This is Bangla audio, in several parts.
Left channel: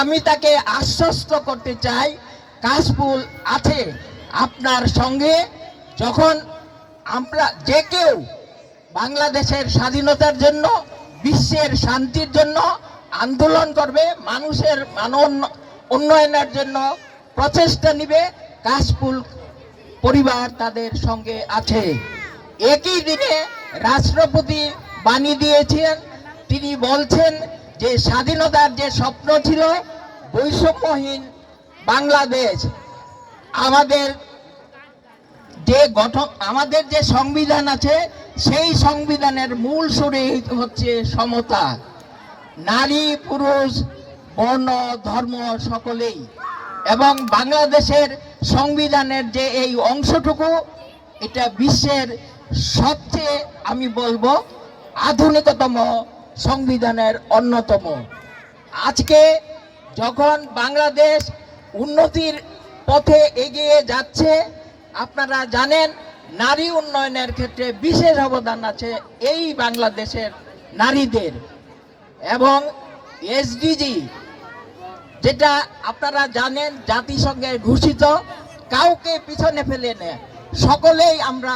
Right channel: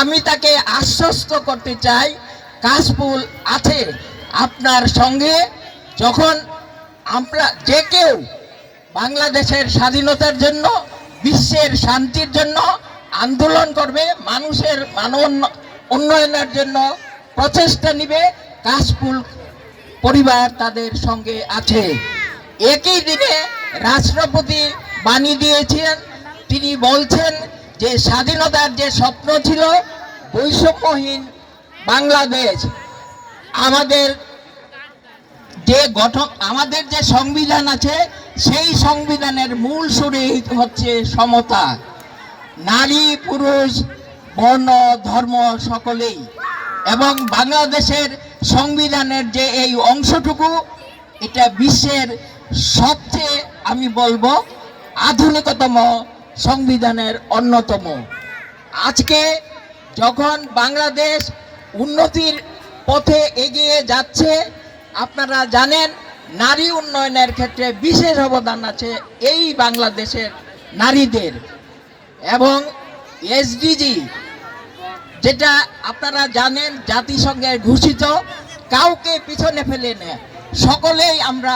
আমি তাকে আশ্বস্ত করতে চাই, কাশফুল আছে আপনার সঙ্গে। যখন আমরা যে কেউ বাংলাদেশের স্বাধীনতার জন্য, বিশ্বের শান্তির জন্য আন্দোলন করবে, মানুষের মানব উন্নয়নের জন্য প্রচেষ্টা নিবে, কাশফুল পরিবার তাদের সঙ্গে আছে। একই দিনে রাষ্ট্রপতি বাণী দিয়েছেন, তিনি বলছেন যে স্বাধীনতার যে স্বপ্ন ছিল বৈষম্যহীন বাংলাদেশ, আমাদের যে গঠন, আমাদের যে সংবিধান আছে, সেই সংবিধানের মূল সুরে হচ্ছে সমতা। নারী, পুরুষ, বর্ণ, ধর্ম সকলেই। এবং বাংলাদেশের সংবিধানের যে এই অংশটুকু, এটা বিশ্বের সবচেয়ে, আমি বলব, আধুনিকতম সংবিধানের অন্যতম। আজকে যখন বাংলাদেশ উন্নতির পথে এগিয়ে যাচ্ছে, আপনারা জানেন নারী উন্নয়নের ক্ষেত্রে বিশেষ অবদান আছে এই বাংলাদেশের নারীদের। এবং এসডিজি, যেটা আপনারা জানেন জাতিসংঘের ঘোষিত, কাউকে পিছনে ফেলে নেয় সকলেই আমরা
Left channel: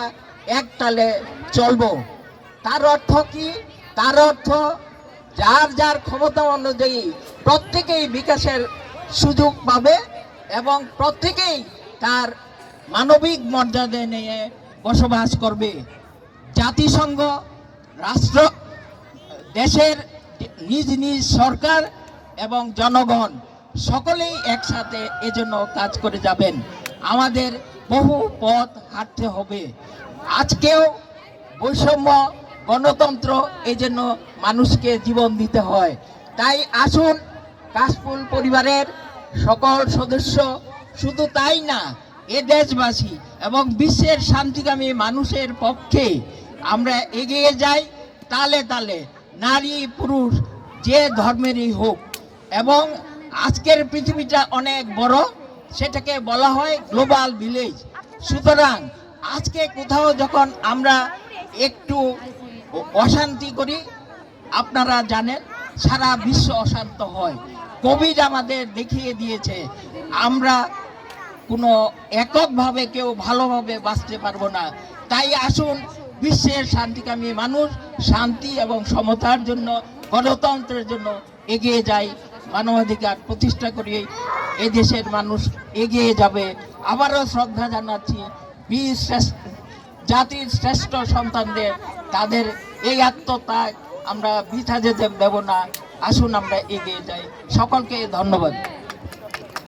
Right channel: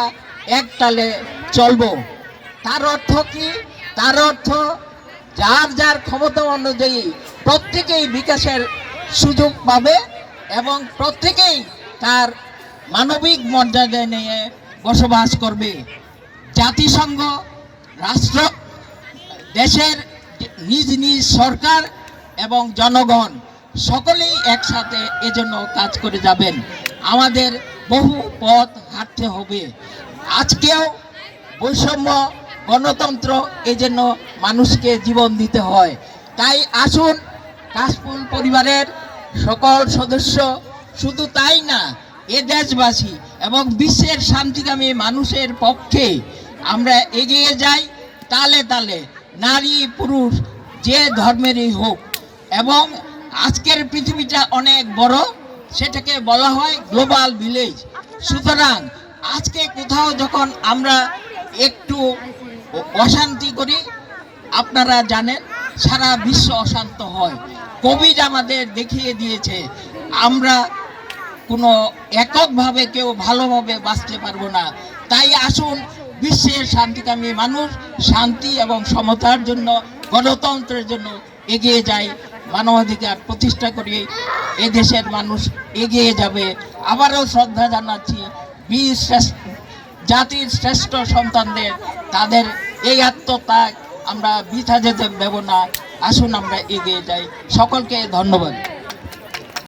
এক তালে চলব। তার অর্থ কি? তার অর্থ যার যার ক্ষমতা অনুযায়ী প্রত্যেকেই বিকাশের সুযোগ পাবে এবং প্রত্যেকেই তার মানবিক মর্যাদা নিয়ে বসবাস করবে। জাতিসংঘ, রাষ্ট্র, দেশের নিজ নিজ সরকার এবং জনগণ সকলেই একসাথে এজন্য কাজ করে যাবেন। আমাদের বহু পথ হাঁটতে হবে। আজকেও বৈষম্য গণতন্ত্র এজন্য মানুষকে জীবন দিতে হয়। তাই আসুন, কাশফুল পরিবারের সকল সদস্য, শুধু তাই না, এ দেশবাসী এবং বিশ্বের শান্তিকামী মানুষের পক্ষে আমরা এগিয়ে যাই, তালে তালে, নারী, পুরুষ, যে ধর্মেরই হোক। এবং আজকের পৃথিবীটা অনেক বড়, সেটাকে বলা হয় গ্লোবাল ভিলেজ। সুতরাং আজকে কোথাও যখন আমরা একটু অশান্তি করি। আপনারা জানেন, সারা বিশ্ব অশান্ত হয়। কোভিড আমাদের দেখিয়ে দিয়েছে। আমরা কোনো এককভাবে কেউ ভালোভাবে বাঁচতে পারব না। তাই আসুন, বিশ্বের শান্তিকামী মানুষ শান্তি এবং সমতার জন্য, গণতন্ত্রের জন্য এগিয়ে যায় মানবাধিকার প্রতিষ্ঠা করে। এদেশের মানুষ এগিয়ে যাবে। আবারও শ্রদ্ধা জানাচ্ছি বীর জাতির শ্রেষ্ঠ সন্তানদের, তাদের এই আত্মত্যাগ আমরা বৃথা যেতে দেব না। আসুন আমরা এগিয়ে যাই। সকলকে ধন্যবাদ।